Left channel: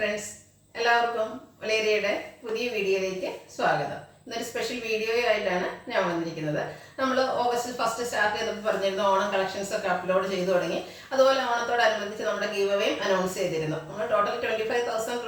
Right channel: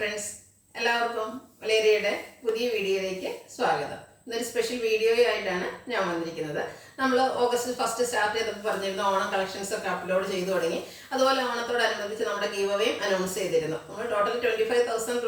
Friends, എല്ലാവർക്കും വലേറിയയുടെ പുതിയ വീഡിയോയിലേക്ക് സ്വാഗതം. ഇന്നൊരു സ്പെഷ്യൽ വീഡിയോയായിട്ടാണ് ഞാൻ വന്നിരിക്കുന്നത്. നമ്മൾ ഓഗസ്റ്റ് 1 സ്റ്റാർട്ട് ചെയ്തപ്പോൾ പറഞ്ഞിരുന്നു ഓണം കളക്ഷൻസ് ഒക്കെ അപ്ലോഡ് ചെയ്തു തുടങ്ങി. അതുപോലെ ഓണത്തോടനുബന്ധിച്ച് നമ്മുടെ ഗീവ് അവേയും അനൗൺസ് ചെയ്തിരുന്നു. നമ്മൾ ടോട്ടൽ 25,000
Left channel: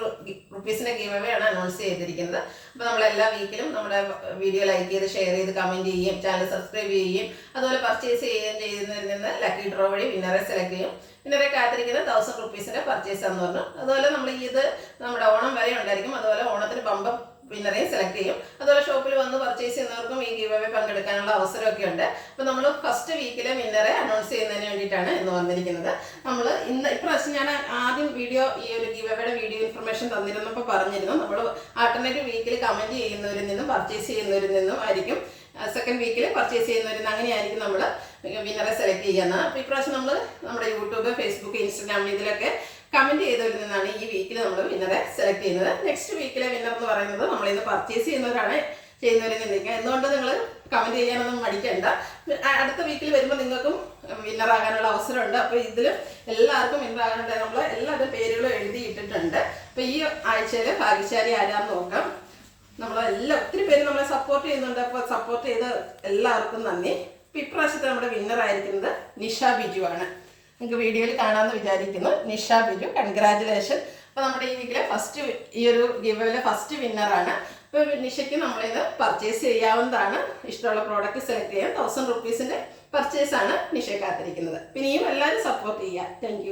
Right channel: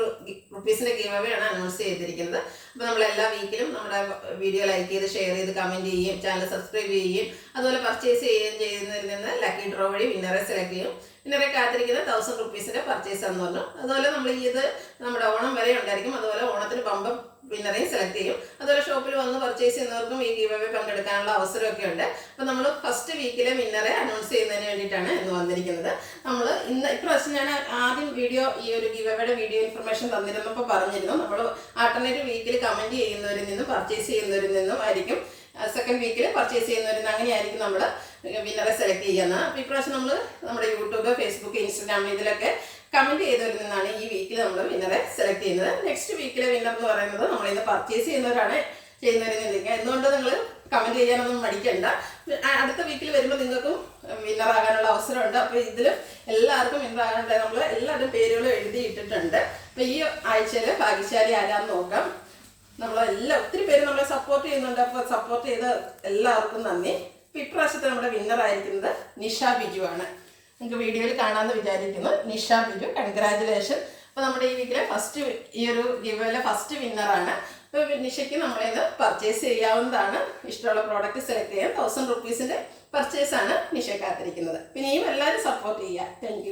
റുപ്പീസിൻ്റെ ഗീവ് അവേ ആണ് അനൗൺസ് ചെയ്തിരിക്കുന്നത്. അപ്പോൾ നമ്മൾ എല്ലാ വീക്കിലും നമ്മുടെ വീഡിയോ ലൈക്ക് ചെയ്ത് ഷെയർ ചെയ്ത് കമൻറ്റ് ചെയ്യുകയും ചാനൽ സബ്സ്ക്രൈബ് ചെയ്യുകയും അതുപോലെ പർച്ചേസ് ചെയ്യുകയും ചെയ്യുന്നതിൽ നിന്ന് ലക്കി ഡ്രോ വഴി വിന്നറെ സെലക്ട് ചെയ്യും. വിന്നറെ കാത്തിരിക്കുന്ന 1000 റുപ്പീസിൻ്റെ പർച്ചേസ് എന്ന് പറഞ്ഞു. അതുപോലെ നമ്മൾ ഇത് നമ്മുടെ ഓണം വരെ ഉണ്ടായിരിക്കും. അതുപോലെ ഓണത്തിന് ബമ്പർ വിന്നറേയും സെലക്ട് ചെയ്യും. അതുപോലെ ഷോപ്പിൽ വന്ന് പർച്ചേസ് ചെയ്യുന്നവർക്കും ഈ ഗീവ് അവേ പങ്കെടുക്കാനുള്ള അവസരമൊക്കെ ഉണ്ട്. അപ്പോൾ നമ്മൾ ഫസ്റ്റ് വീക്കിലെ വിന്നറെ അനൗൺസ് ചെയ്യുന്നതിന് വേണ്ടിയിട്ടാണ് ഇന്ന് വന്നിരിക്കുന്നത്. നമ്മൾ ഇപ്രാവശ്യം ഞാൻ ആദ്യം വീഡിയോ ഈ ഒരു ഗീവ് അവേയുടെ വീഡിയോ ഇൻഫർമേഷൻ തന്നിരുന്നപ്പോൾ പറഞ്ഞിരുന്നു നമ്മൾ ആൾട്ടർനേറ്റീവ് വീക്കിൽ കമൻറ്റ് ചെയ്യുന്നവരിൽ നിന്നും പർച്ചേസ് ചെയ്യുന്നവരിൽ നിന്നും ആയിരിക്കും സെക്കൻഡ് വീക്കിൽ പർച്ചേസ് ചെയ്യുന്നവരിൽ അങ്ങനെയായിരിക്കും നമ്മൾ വിന്നറെ സെലക്ട് ചെയ്യുന്നത്. അപ്പോൾ ഇപ്രാവശ്യം നമ്മൾ നമ്മുടെ യൂട്യൂബ്, ഫേസ്ബുക്ക്, ഇൻസ്റ്റാഗ്രാം ഇതിലൊക്കെ കമൻറ്റ് ചെയ്തവരിൽ നിന്നാണ് ഈ വീക്കിൽ നമ്മൾ വിന്നറെ സെലക്ട് ചെയ്യുന്നത്. നെക്സ്റ്റ് വീക്കിലെ വിന്നർ എന്ന് പറയുന്നത് നമ്മളിന്ന് പർച്ചേസ് ചെയ്യുന്നവരാണ് ചെയ്യുന്നവരിൽ നിന്നിരിക്കുക. എന്തുകൊണ്ട് നിങ്ങൾ കമൻറ്റ് ചെയ്യാനൊന്നും മടിക്കണ്ട. അടുത്ത വീക്കിൽ വരുമ്പോൾ നിങ്ങൾക്കും വിന്നറാകാനുള്ള അവസരമുണ്ട്. അപ്പോൾ ഇതിൽ എല്ലാവർക്കും വിന്നറാകാനുണ്ട്. നമ്മൾ എല്ലാവരുടെ പേരുകളും എഴുതിയിട്ടിട്ടുണ്ട്. അപ്പോൾ ഈ ആഴ്ചയിൽ ഭാഗ്യശാലി ആരാന്ന് നോക്കാം. ഒത്തിരി പേര് നമ്മളെ സപ്പോർട്ട് ചെയ്യുന്നുണ്ട്. അപ്പോൾ സപ്പോർട്ട് ചെയ്ത് എല്ലാവർക്കും നന്ദി. അപ്പോൾ ഇപ്രാവശ്യത്തെ നമ്മുടെ വിന്നറായിരിക്കുന്നത് നിഷ ബിജു ആണ്. നിങ്ങൾക്ക് വീഡിയോയിൽ കാണാമെന്ന് വിചാരിക്കുന്നു. നിഷ ബിജു, കൺഗ്രാജുലേഷൻ. അപ്പോൾ നമ്മുടെ ഈ വീക്കിലെ ഈ ഒരു ഗിവയിലെ ഫസ്റ്റ് വിന്നറാണ്. അപ്പോൾ നിഷയ്ക്ക് നമ്മളിന്ന് പർച്ചേസ് ചെയ്യാവുന്നതാണ്. ഇഷ്ടമുള്ള പ്രോഡക്റ്റ് സെലക്ട് ചെയ്യാൻ 1000 റുപ്പീസിൻ്റെ പർച്ചേസാണ് നിഷ കാത്തിരിക്കുന്നത്. പിന്നെ എല്ലാവരും സപ്പോർട്ട് ചെയ്യുക. താങ്ക്